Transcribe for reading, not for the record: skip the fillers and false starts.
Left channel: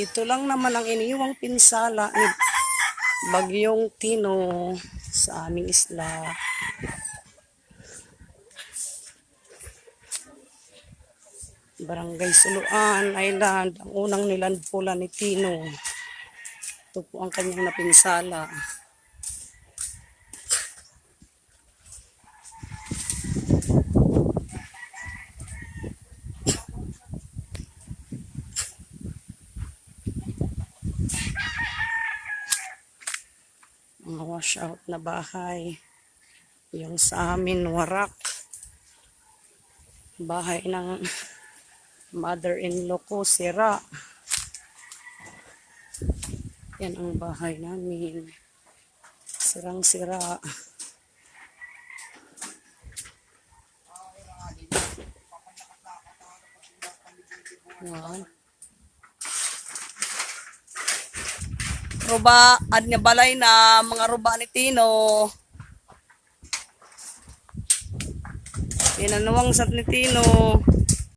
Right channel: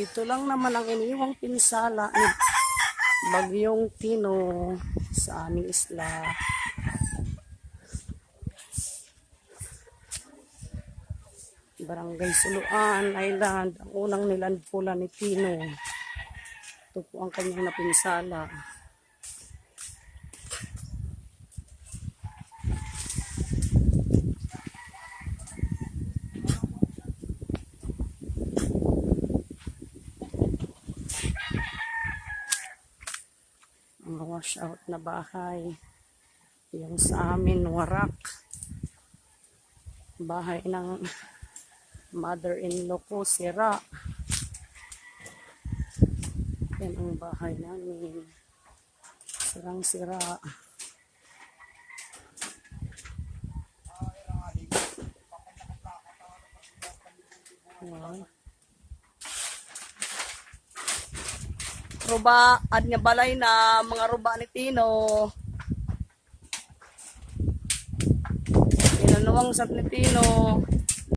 Ito lang naman ang iniwang pinsala ni Bagyong Tino sa aming isla. Barangay Suluan Island, ang unang nilandpula ni Tino. Ito po ang kanyang napinsala. Mga washout na bahay. Yung sa amin, warak. Bahay ng mother-in-law ko, sira. Yan ang bahay namin. Sirang-sira. Wow. Ruba, ad nga balay na mga ruba ni Tino. Tinanuwang sa ni Tino.